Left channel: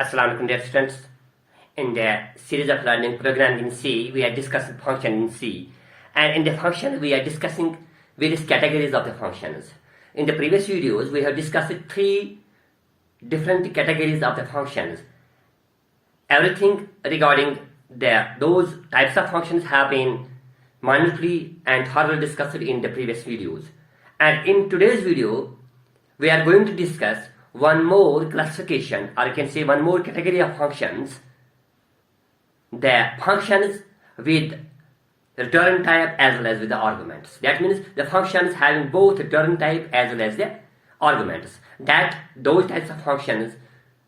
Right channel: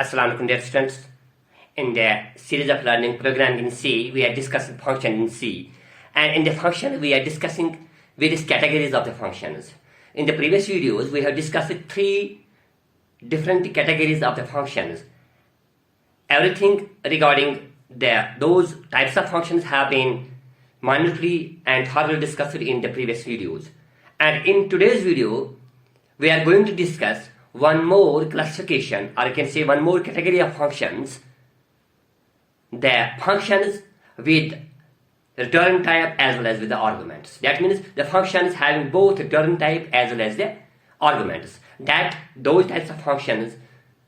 Assalamu alaikum dear students. In the series of learning programming in C, we are discussing function in C. And in the function, we are discussing various categories of the functions. In the previous videos, we have discussed three different categories of the functions. Everything regarding those types of functions have been minutely and thoroughly discussed in the previous videos. And in today's video, we are going to discuss one more classification, or you can say one more category of functions, the functions with return type as well as with the arguments. That means the functions having both return type as well as the arguments. Those types of functions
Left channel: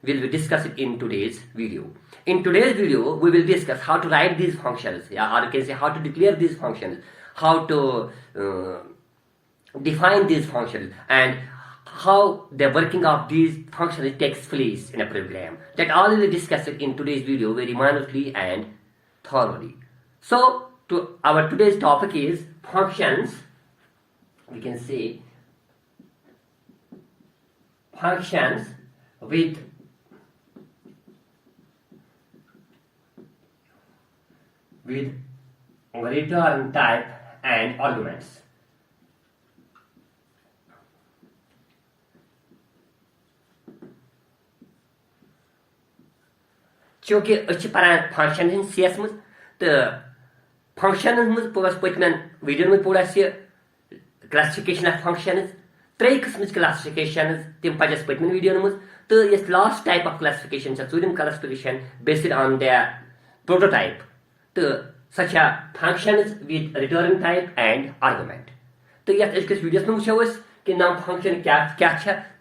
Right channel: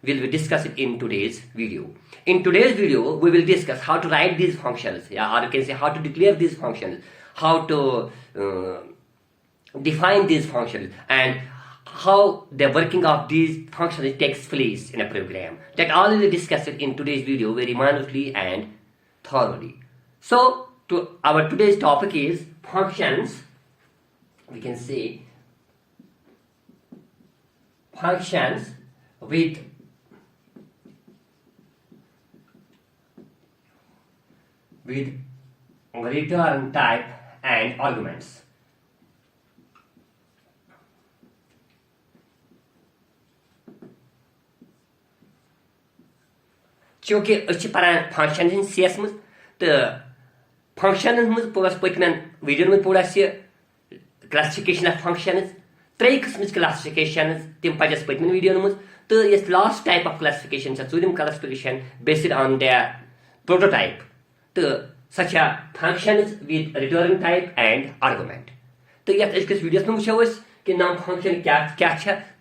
will be discussed in today's video. In today's video, we will discuss how to write these functions, or you can say how to declare these functions, how to define these functions, and how the working of these functions takes place in a program. That all will be discussed in today's video very minutely and thoroughly. So, our today's topic is functions. We can say functions with return type and arguments. चूँकि पारान function CS मज तो function मज पगस पतमन video में पूरा से classification of functions त्रै किस्म classification तम पजस पतमन वीडियो मज तो yes last type of classification चूरिम classification based on the prototype तो such functions with return type and argument तो यत अजकस वीडियोस में वुचो कि नाम फंक्शन क्या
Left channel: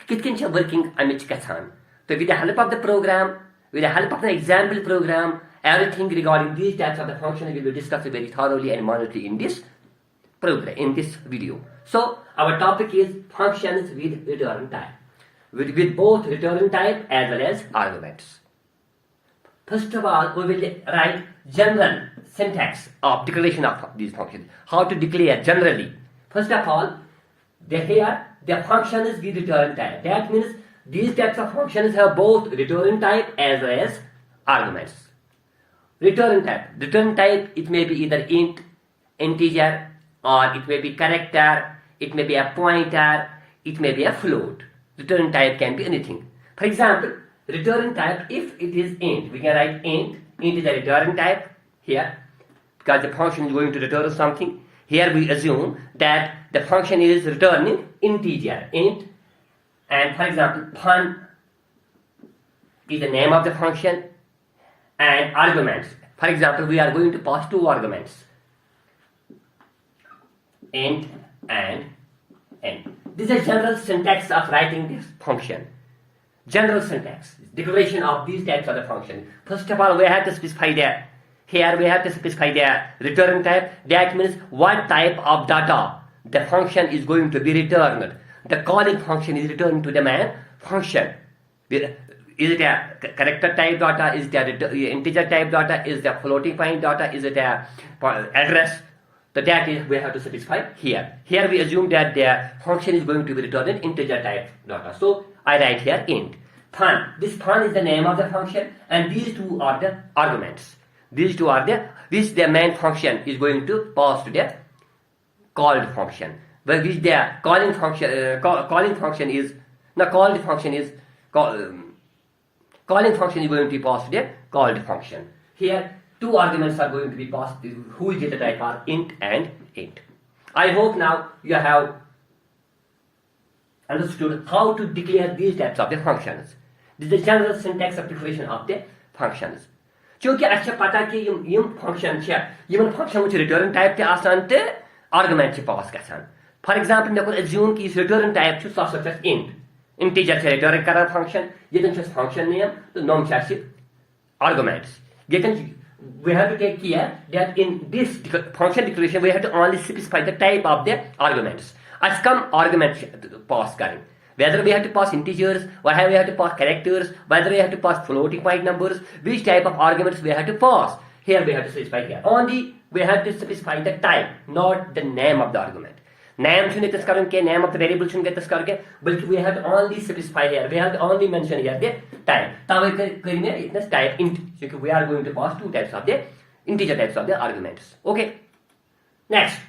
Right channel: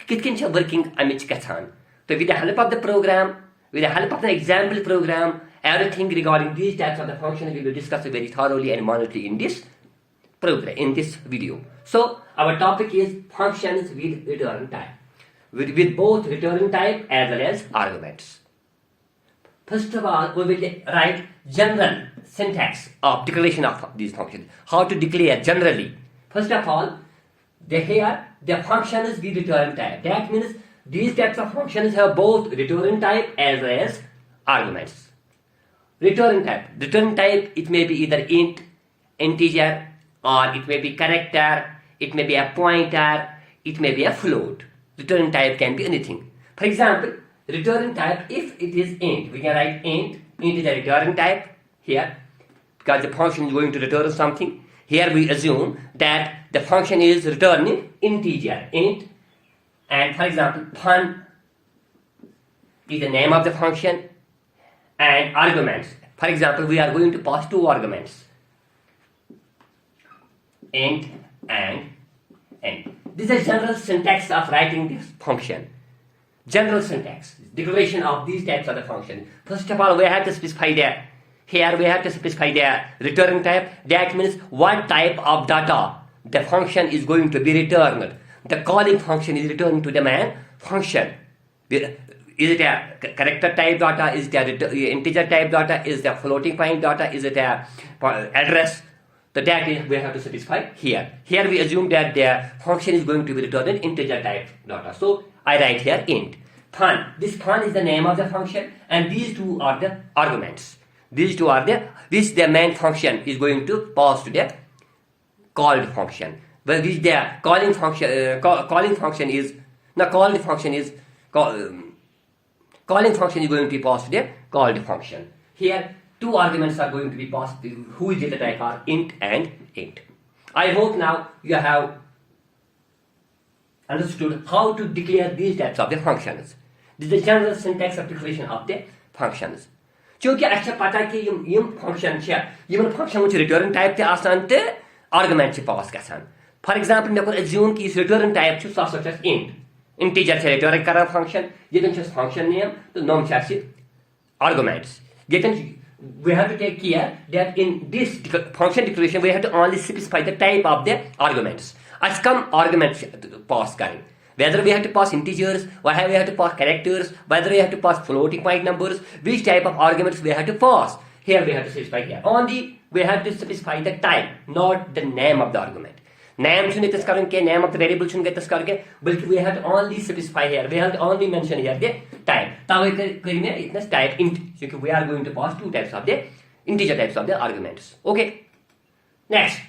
कितकन वर्किंग अमिच गछान तो with the help of the program, with the help of an example program, everything regarding these types of the functions will be discussed very thoroughly and minutely in this program, in this video. So, our topic is functions with return type, with both return type as well as arguments. First of all, we will write general syntax of declaration of these functions. How to declare generally. First of all, the function is with return type. That means these types of functions have both return type as well as arguments. Return type, it may be either int, integer, or it may be character, it may be a pointer, it may be a float. Return type can be anything. For example, return type, if it is int, we can write int is a return type here, because the function is going to return something. Here we assume that the function is returning integer, int. And for example, fun is the name of the function, and arguments. For example, we are going to pass two arguments, int and n. This is a general syntax of writing this function. General syntax, declaration of these types of the function. First of all, we have to specify the return type. That means what type of data the function is going to be returned. The calling function is returned to the main function. Is it a character type data? Is it a integer type data? Is it a floating point data? Is it a address? So that is we have to specify here. Here we assume that the function is going to be returned integer type data. So I write here int. Fun. This fun is the name of the function, and these two are the arguments. The main function is going to pass to the called function. Well, this the calling function is going to be passed to the called function. Here, two arguments are going to be passed, whose data type are int and int. I hope now you have understood how to declare these types of the functions. This is the general syntax of declaration of the functions. क्योंकि अच्छा पता कि यम function function return type के आसान ते argument से पास गसान. For example, we can assume that return type is such as int. Integer is return current function. Given just function name, the name is arguments. We have to take care that in this function declaration, we have to only specify the type of the arguments. As come arguments pass करें. Whether we have to pass integers, whether we have to pass characters, whether we have to pass floating point numbers, which type of arguments we have to pass. Here we have to specify here. Only we have to specify the type, not the name of the argument. Name shouldn't this current name of the variable shouldn't get this current, but we have to only specify here. We have to only mention here the type. It type int. We are going to pass two types of the integer types of the arguments. Okay. Next.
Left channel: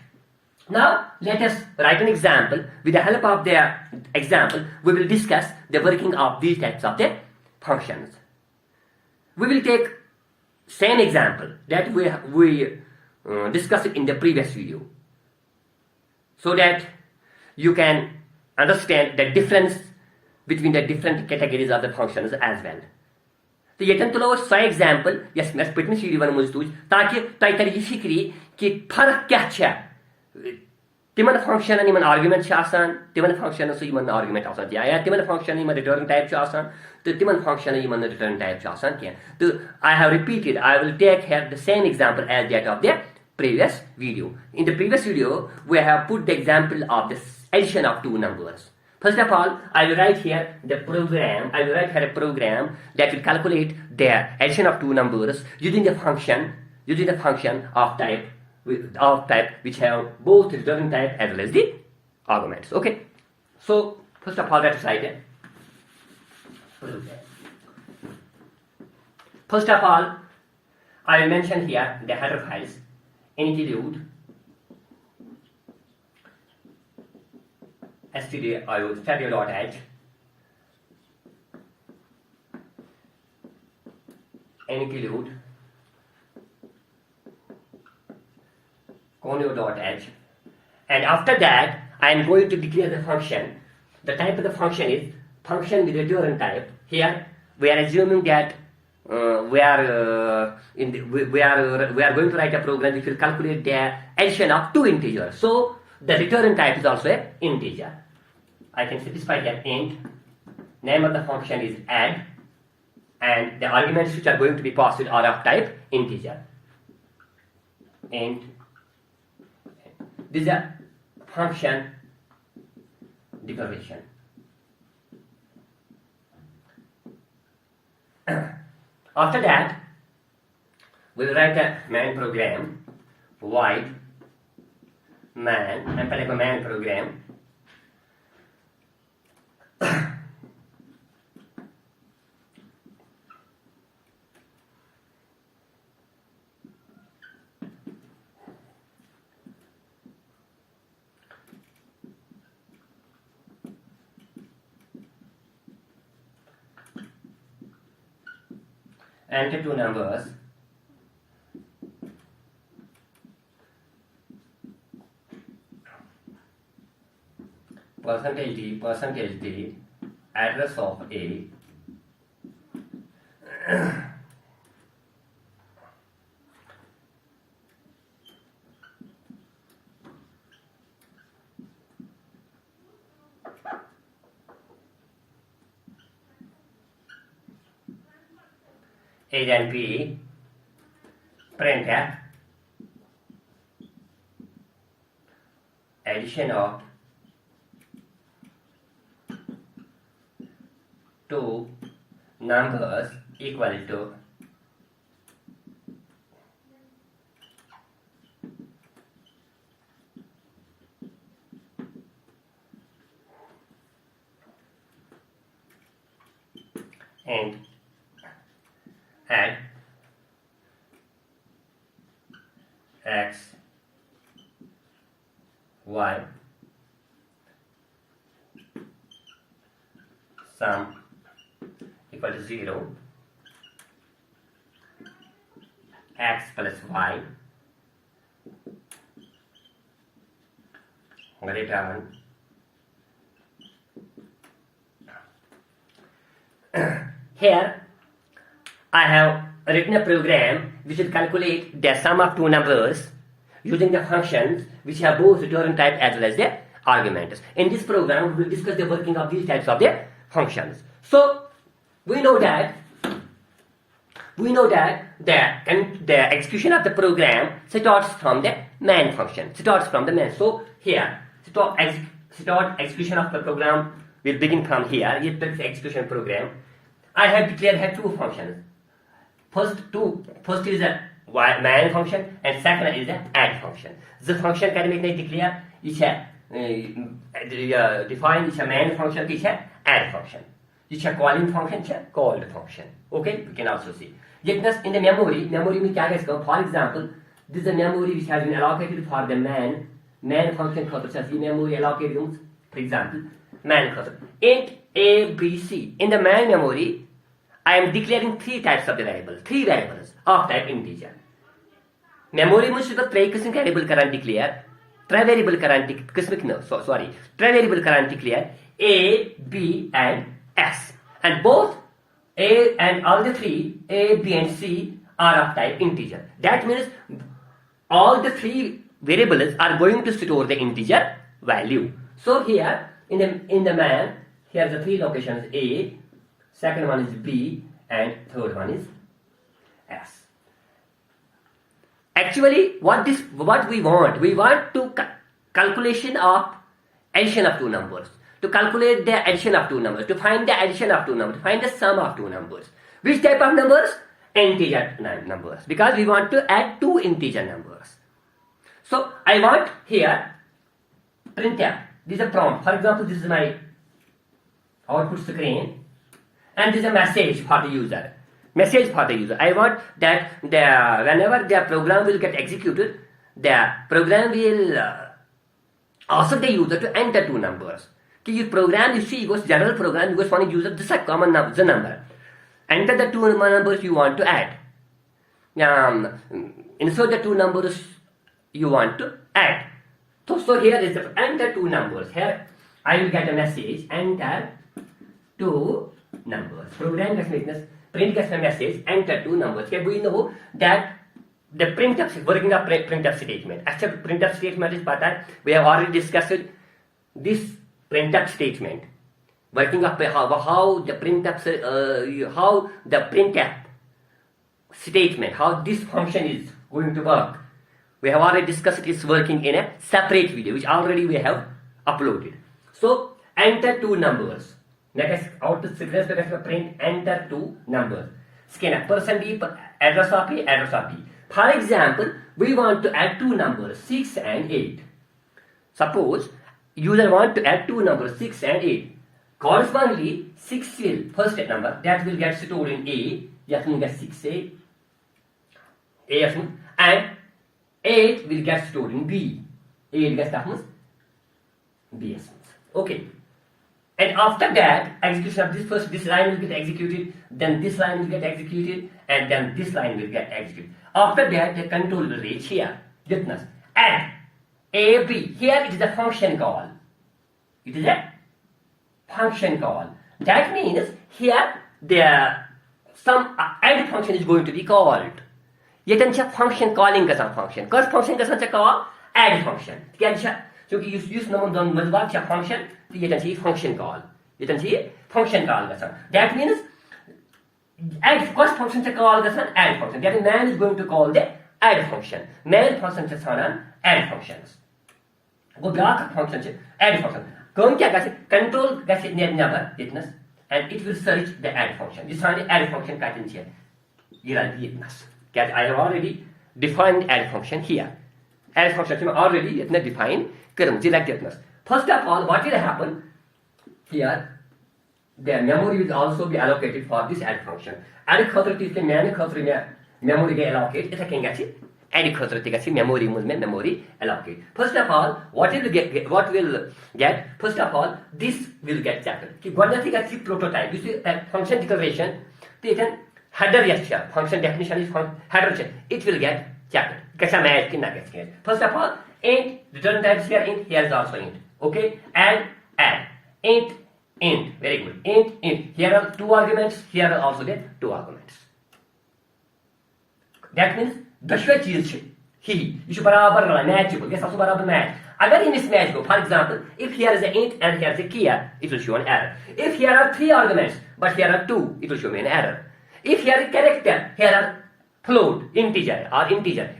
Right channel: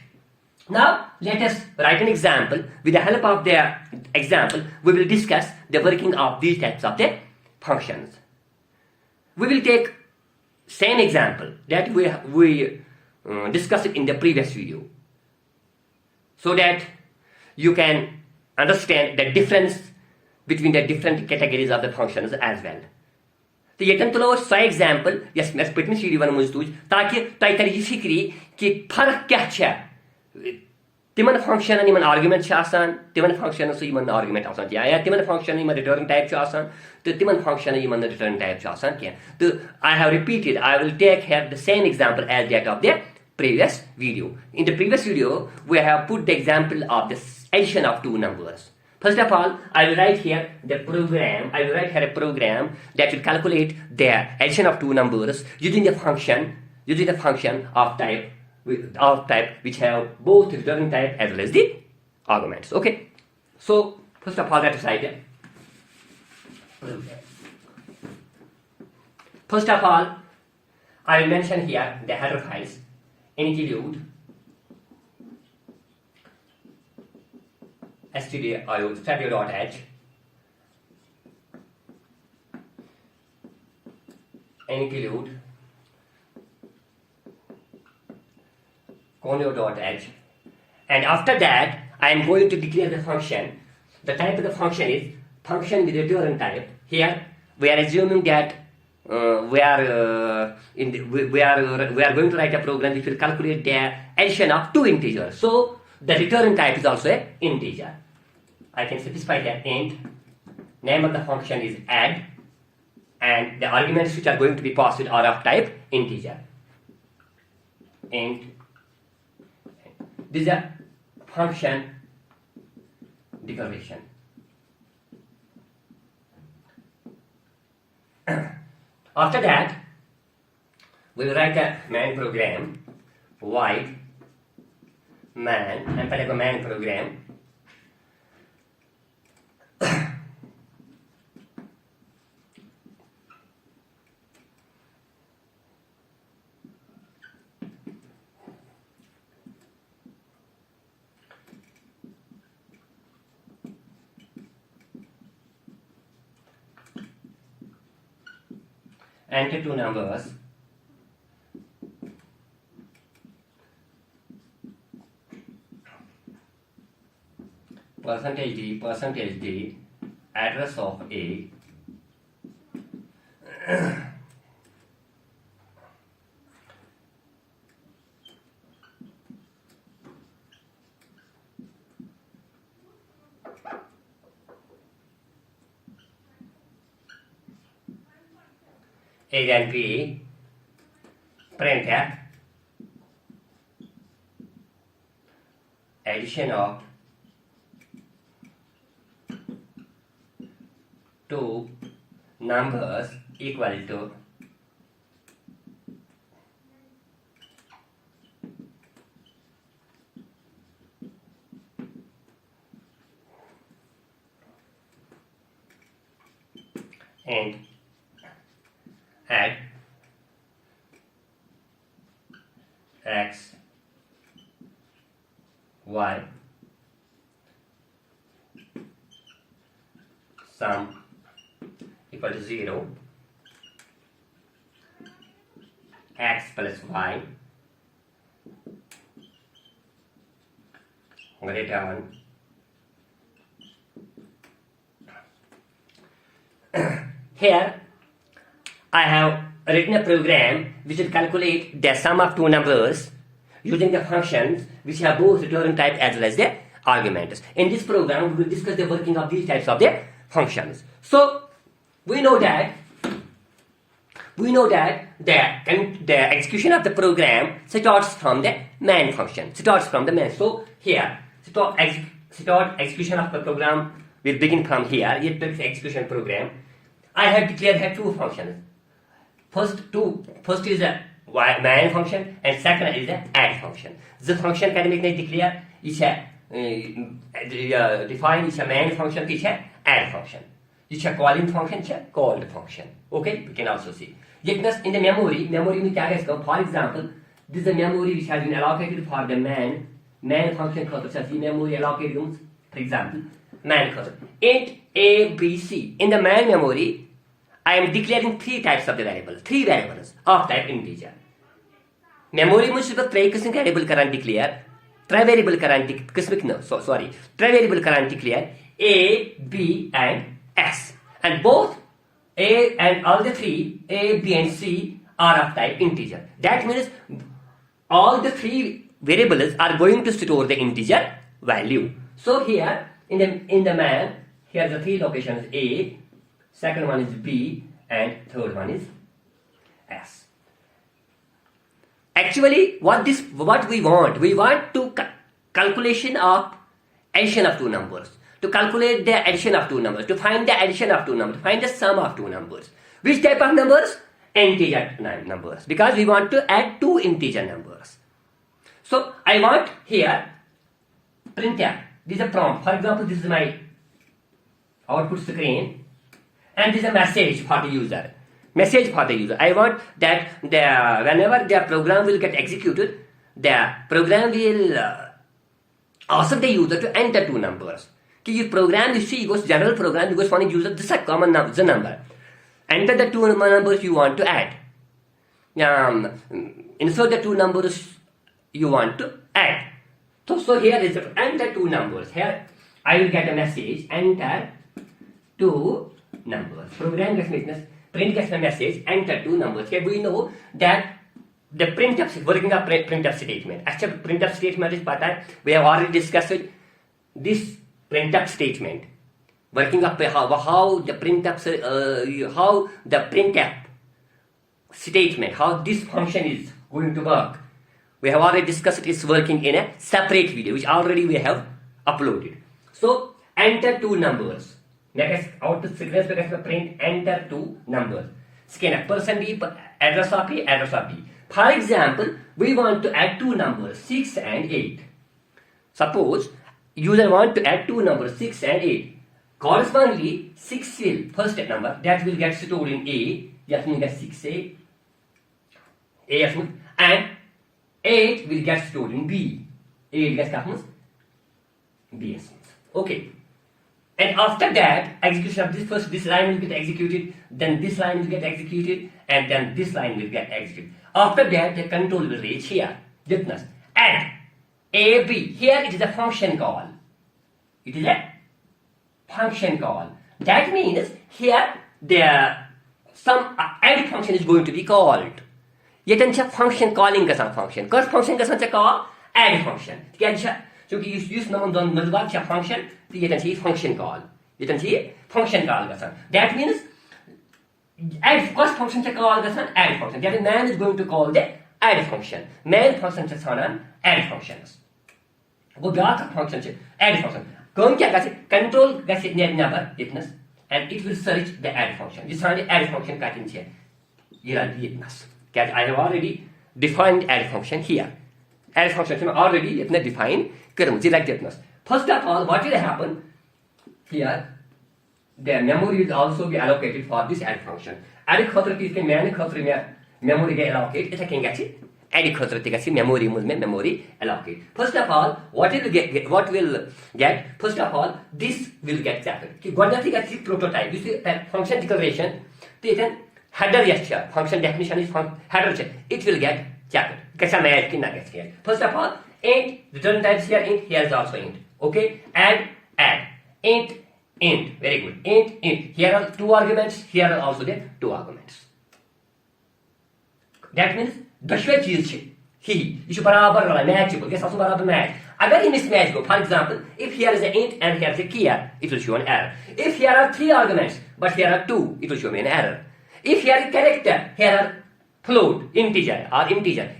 Now let us write an example. With the help of the example, we will discuss the working of these types of the functions. We will take same example that we discussed in the previous video, so that you can understand the difference between the different categories of the functions as well. तो ये तुलो so example yes मैं Patni CD one मुझ तुझ ताकि तय कर ये फिक्री कि फर्क क्या है तिमन फंक्शन निमन आर्गुमेंट छ आसान तिमन फंक्शन सो यमन आर्गुमेंट आसान या तिमन फंक्शन निमन रिटर्न टाइप छ आसान तो तिमन फंक्शन यमन रिटर्न टाइप छ आसान क्या तो I have repeated I will take here the same example as that of the previous video. In the previous video, we have put the example of the addition of two numbers. First of all, I will write here the program. I will write here a program that will calculate the addition of two numbers using the function of type which have both return type as well as the arguments. Okay. So first of all, let us write it. First of all, I will mention here the header files. Include stdio.h, include conio.h, and after that I am going to declare the function. The type of the function is function with return type. Here we are assuming that we are going to write a program which will calculate the addition of two integers. So the return type is also an integer. I can specify that int. Name of the function is add, and the arguments which are going to be passed are of type integer. Int. This is a function declaration. After that, we will write a main program, void man, and put a main program. Enter two numbers. Percentage D, address of A, A and B, print addition of two numbers equal to and add x, y, sum equal to 0, x plus y, return here I have written a program which will calculate the sum of two numbers using the functions which have both return type as well as the arguments. In this program, we will discuss the working of these types of the functions. So we know that the execution of the program starts from the main function. So here, start execution of the program will begin from here. It takes the execution program. I have declared here two functions. First is a main function and second is the add function. The function can make declare is a define is a main function is a add function. Is a calling function is a called function. Okay, we can also see. Yet in the memory में क्या है? For example, this is the memory which has been allocated for the man function खातर memory allocated. For example, man खातर int a b c. In the man memory, I am declaring three types of the variables, three variables of type integer. Memory में सिर्फ three किस्म variable करान declare, three variable करान किस्म no, sorry, three variable करान declare a, b and s, and both a and all the three a, b and c are of type integer. That means all the three variables are going to store the integer value. So here in the man, here the three locations a, second one is b, and third one is s. Actually, what we want to calculation of addition of two numbers, to calculate the addition of two numbers, to find the addition of two numbers, to find the sum of two numbers. Which type of numbers? Integer numbers, because we want to add two integer numbers. So I want here printf. This is a prompt. For example, this is my output screen, and this is a message for the user. Message for the user. I want that whenever the program will get executed, the program will ask the user to enter two numbers. This program, you see, goes general program, you goes finding user, this is a common number, the number. Enter the two numbers you want to add. Insert the two numbers you want to add. So here is the enter two numbers. Here I will get a message, enter two numbers. Program gets print gets a message, enter two numbers. Here we know that the printf working of printf statement. Actually, printf statement is we have already discussed this printf statement. Working of how the printf statement, how this function is going to work. We have already discussed its working in a separate video, which already we have uploaded. So enter two numbers. Next, out to signals print enter two numbers. Scan person B, address of A, address of B. For example, we want to add two numbers 6 and 8. Suppose user want to add two numbers 6 and 8. Correspondingly, 6 will first number that will get stored in A. That means get 6A. And 8 will get stored in B. 8 gets B. Okay. And after that, execution of this line will get executed, then this line will get executed, and then this line will get executed. After that, the control will reach here. Witness. Add A, B. Here it is a function call. It is a function call. That means here some add function is going to be called. Yet a function calling a function. Because function is call add function. So you use function, you can see function call. You can see function call. That means add first function call add function. That means man is going to call the add function. Man function is add functions. Go back function add function. Control number witness, and it will search the add function. This is the add function pattern here. Witness. I have already defined add function here. Add function already defined. First of all, what will happen here? The memory will also be allocated for this add function. Add memory allocate. Add memory allocate. First of all, what will get? First of all, this will get checked. Prototype. This is function declaration. Header here. Function definition is header check. It will get checked. First of all, int, return types here, int, here is also int. Okay, add, int, very good, int. Here are two arguments, here are also the two arguments. That means, दशवें चीज ही इसे बराबर matchable, guess also बराबर match. अगर ये mismatch go, for example, if here is an int and here is a key, it will show an error. If here are three arguments, but here are two, it will show me an error. If here is character, here are float, integer,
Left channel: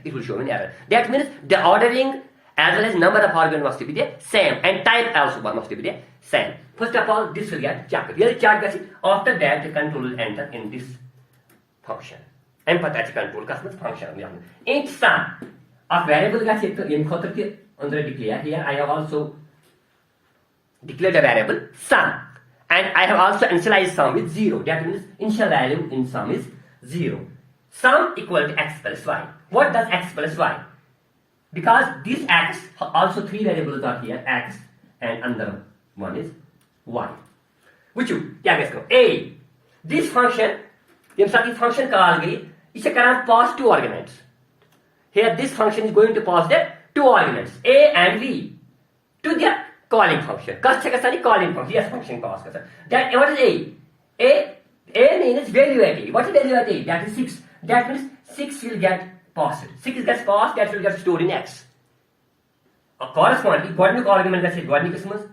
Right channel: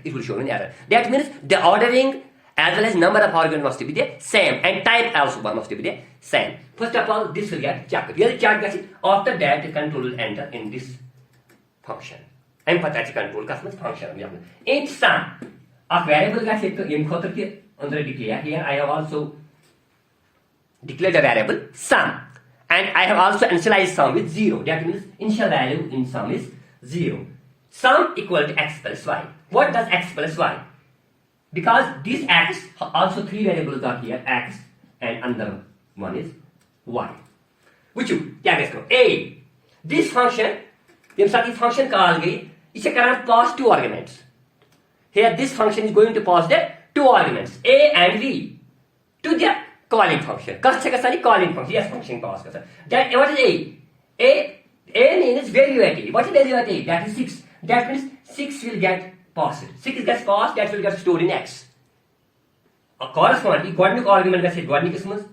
it will show an error. That means the ordering as well as number of arguments must be the same, and type also must be the same. First of all, this will get checked. After that, the control will enter in this function. Emphatic control function. Int sum of variable under declare. Here I have also declared a variable sum, and I have also initialized sum with 0. That means initial value in sum is 0. Sum equal to x plus y. What does x plus y? Because this x, also 3 variables are here, x and another one is y. Which क्या करें? A. This function, जब साथ ये function call गई, इसे करना pass 2 arguments. Here this function is going to pass the 2 arguments a and b to the calling function. Calling function. Yes, function pass. That what is a? A means value at a. What is value at a? That is 6. That means 6 will get passed. 6 gets passed, that will get stored in x. Correspondingly, godnik argument gets godnik ismans.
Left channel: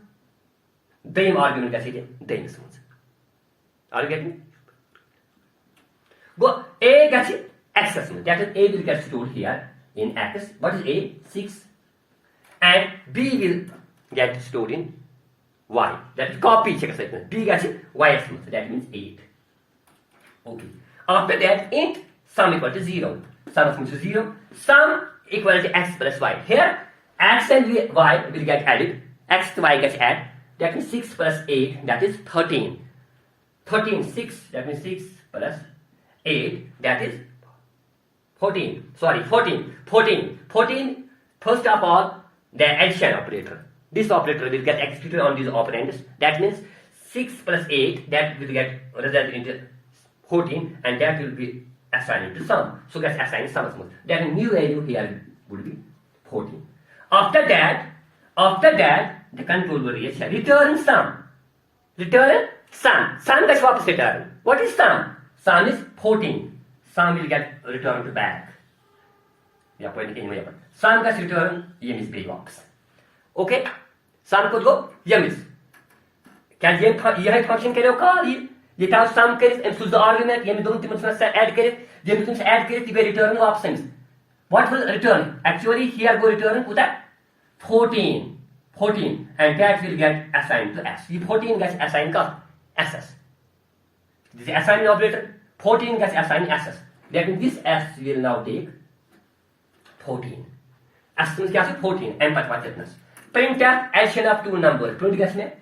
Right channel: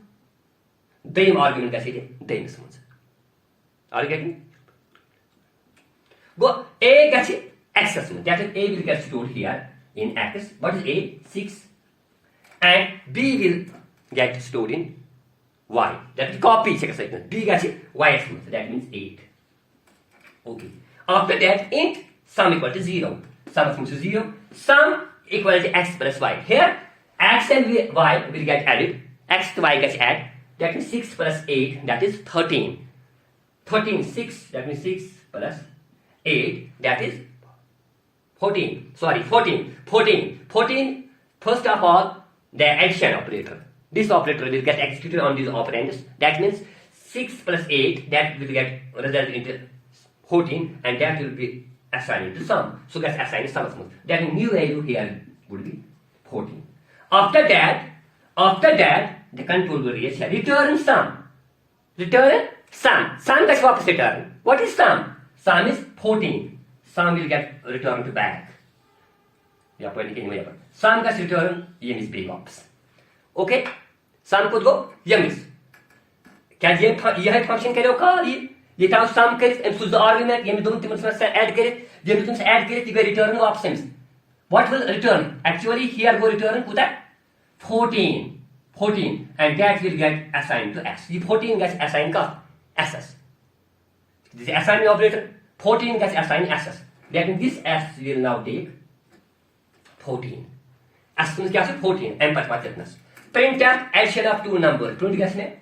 Dame argument gets dame ismans. Are you getting? Go a gets x ismans. That is a will get stored here in x. What is a? 6. And b will get stored in y. That is copy check. B gets y ismans. That means 8. Okay. After that, int sum equal to 0. Sum of function 0. Sum equal to x plus y. Here, x and y will get added. X to y gets added. That means 6 plus 8. That is 13. 13, 6. That means 6 plus 8. That is 14. Sorry, 14. 14. 14. First of all, the addition operator. This operator will get executed on these operands. That means 6 plus 8. That will get result into 14, and that will be assigned to sum. So that's assigned sum. That new value here would be 14. After that, the control will reach here. Return sum. Return sum. Sum gets what is return? What is sum? Sum is 14. Sum will get returned back. Sum gets return, yem is big box. Okay? Sum could go, yem is. क्या ये function करें call ये था सम करित M सुज argument ये दोनों तिमन से ऐड करित ये तुम से ऐड करित ये return options what will return actually here go return put 14 and that will get assigned to x. The 14 gets assigned to ss. This is assigning operator. 14 gets assigned ss. That means this s will now take 14. S means क्या 14 m पर बात करना. Print addition of two numbers. Print क्या इसमें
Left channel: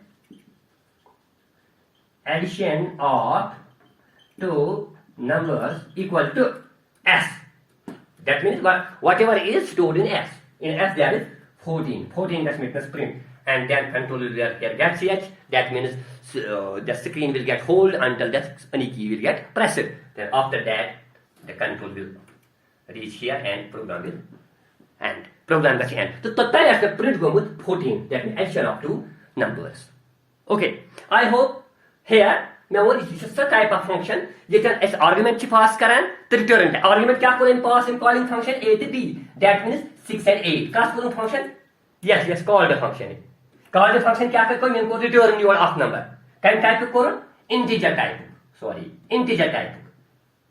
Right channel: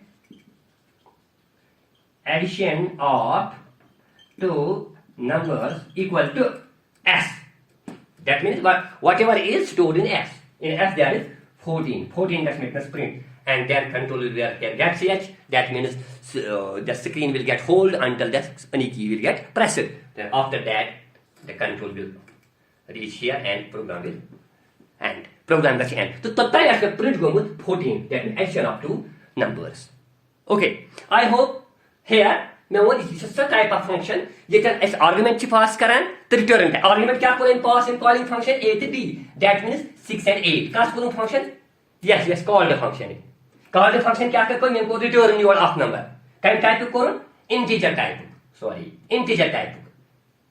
addition of two numbers equal to s. That means whatever is stored in s. In s there is 14. 14 that makes us print. And then control will get that ch. That means the screen will get hold until the any key will get pressed. Then after that the control will reach here and program will end. Program gets end. So total as the print go with 14. That means addition of two numbers. Okay. I hope here now this is a type of function. You can as argument pass करें तो return है. Argument क्या करें pass in calling function a to b. That means 6 and 8. Class करूँ function? Yes, called a function. Called a function क्या कर कोई मेरे को return your of number. Kind type करूँ integer type. Sorry, integer type.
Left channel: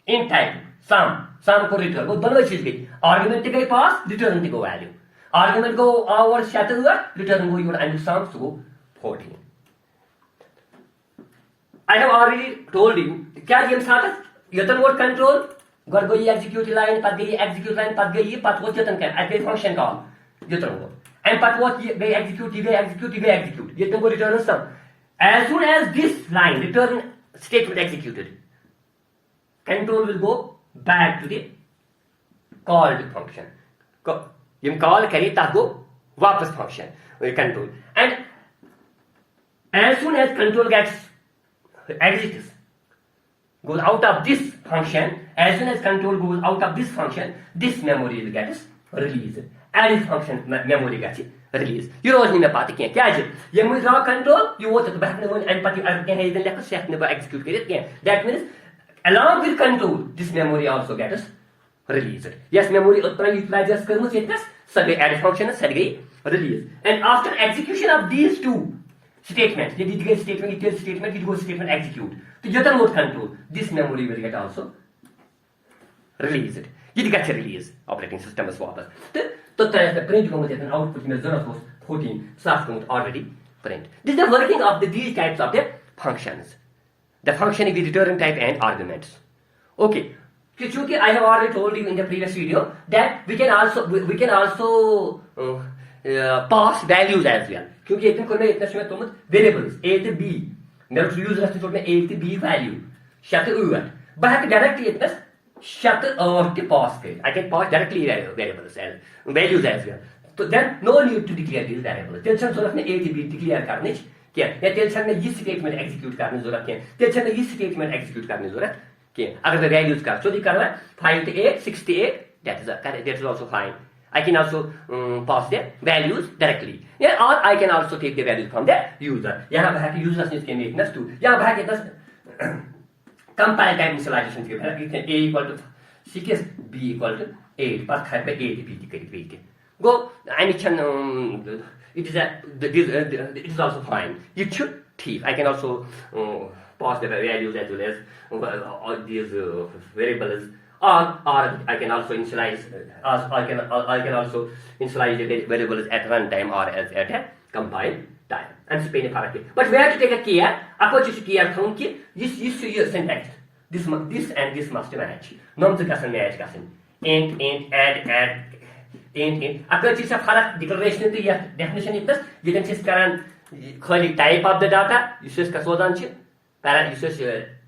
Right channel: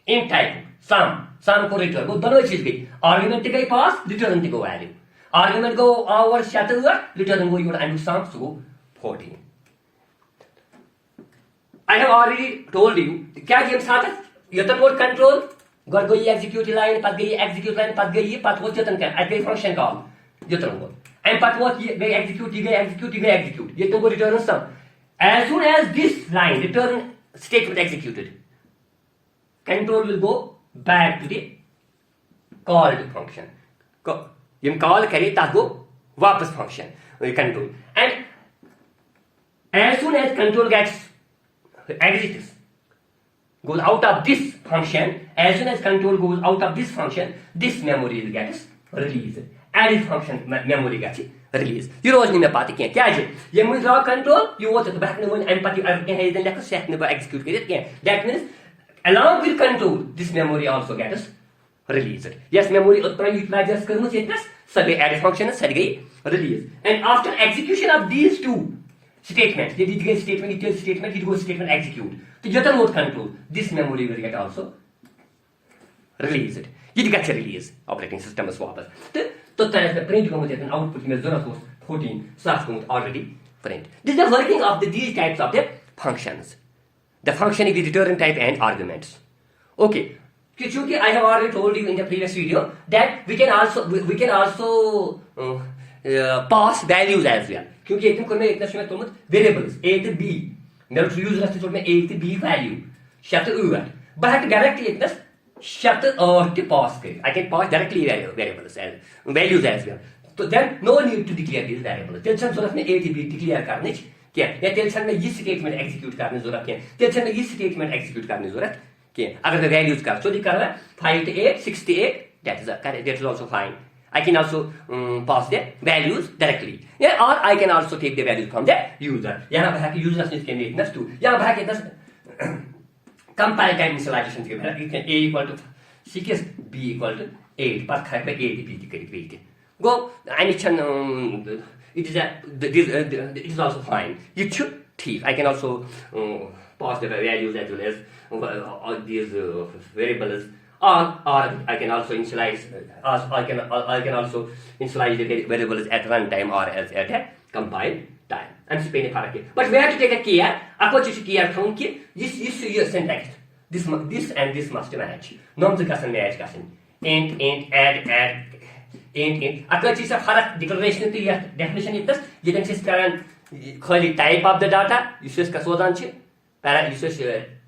Int type. Sum को return. वो दोनों चीज गई. Argument की गई pass, return की गई value. Argument को our shatter हुआ, return को your and sum so 14. I have already told you क्या गेम साथ है यतन मोड कंट्रोल गड़ गई एग्जीक्यूट लाइन पद गई एग्जीक्यूट लाइन पद गई पद वो यतन क्या एग्री फंक्शन कॉल यतन वो एंड पद वो ये एग्जीक्यूट ये तुमको return some as soon as this line return statement executed control will go back to the called function ये कॉल करी ताको वापस function control and as soon as control gets exits goes out of this function. As soon as control goes out of this function, this memory will get released. Added function memory gets released. You know what I mean? क्या है? ये मुझे raw control you want to back no empathy और क्या है इधर लेकर set ने execute करें क्या? That means along with control this memory also gets released. Yes, memory उत्पन्न utilize करने से इतना सभी added function सभी release. And after execution of these two statement, ये detail statement, it goes statement execute. तो जतन mode control, this memory will get also released. ये gets released operating system is वापस. तो तरह से print को मुझे output में जरा सोच 14 slash को already print. This is the working of these types of the functions. The function is the return type and arguments. Okay. Chunki I have already told you in the previous video that we can also pass values as well. क्योंकि एक कोर में इतना तोमुत variables a to b मे यूजरस तोड़ में a to b value 6 to 8 बह हेक डायरेक्टली इतना 6 to 8 के पास कर I can pass directly variables as values as well तो then no need to declare these variables तेल छन जरूरत में a to b डिक्लेयर करने क्या या तेल छन में ये स्टेटमेंट एग्जीक्यूट करने जरूरत क्या तेल छन में ये स्टेटमेंट एग्जीक्यूट करने जरूरत क्या अगर मैं वैल्यूज कर so कर 5 to 8 6 to 8 that is also fine. I can also pass the values directly. Yeah, or I can also take the values from the user. यहाँ पर है कि users ने इसके नेटनेस टू यहाँ पर है कि दस comparative initialization के बाद you can a equal to 6 b equal to 8 पर खाए पे a b के go any chan it is also fine. You should ठीक. I can also pass the values as well as all these variables. Or I can also initialize. I can also initialize the variables at runtime or as at a compile time. And spend a but we have to take a care. Ako just care from this is syntax. This and this must match. Non to doesn't match doesn't. Int add int. Ako just a product declaration to your definition is this. You can just current type of the data. You just kasodan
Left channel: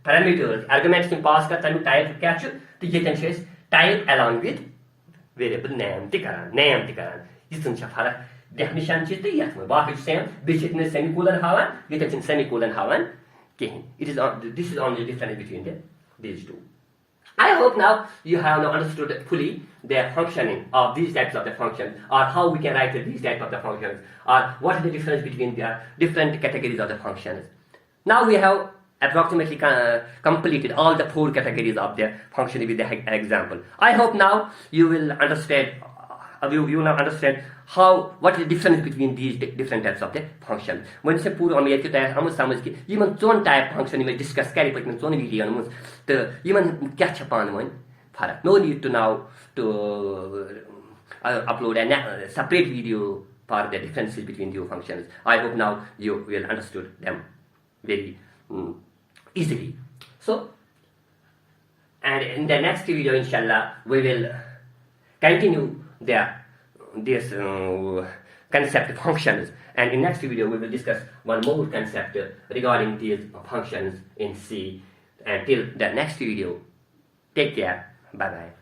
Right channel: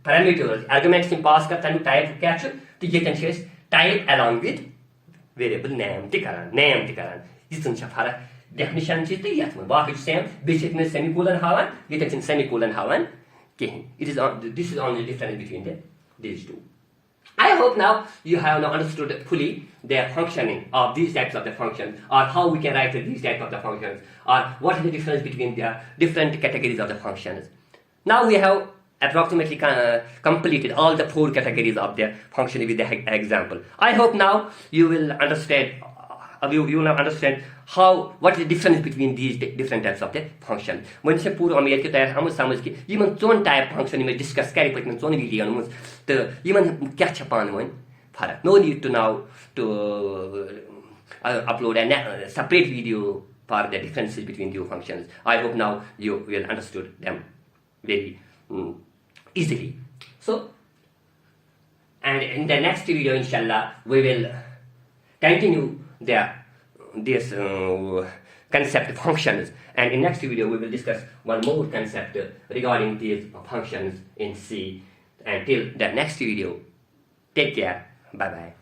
parameters arguments can pass ka tanu type capture. तो ये can say type along with variable name tikaran this is फरक definition चीज तो यह बाकी same basic में semicolon हावन ये can semicolon हावन कहीं this is only difference between these two. I hope now you have now understood fully the functioning of these types of the functions or how we can write these types of the functions or what is the difference between the different categories of the functions. Now we have approximately completed all the 4 categories of the function with the example. I hope now you will understand you will now understand what is the difference between these different types of the function. When से पूरा हम ये कहते हैं हम समझ के ये मन जोन type function में discuss करें पर जोन वीडियो में तो ये मन क्या छपान मन फरक. No need to now to upload a separate video for the differences between the functions. I hope now you will understood them very easily. So, and in the next video, inshallah, we will continue this concept functions. And in next video, we will discuss one more concept regarding these functions in C. Until the next video, take care. Bye bye.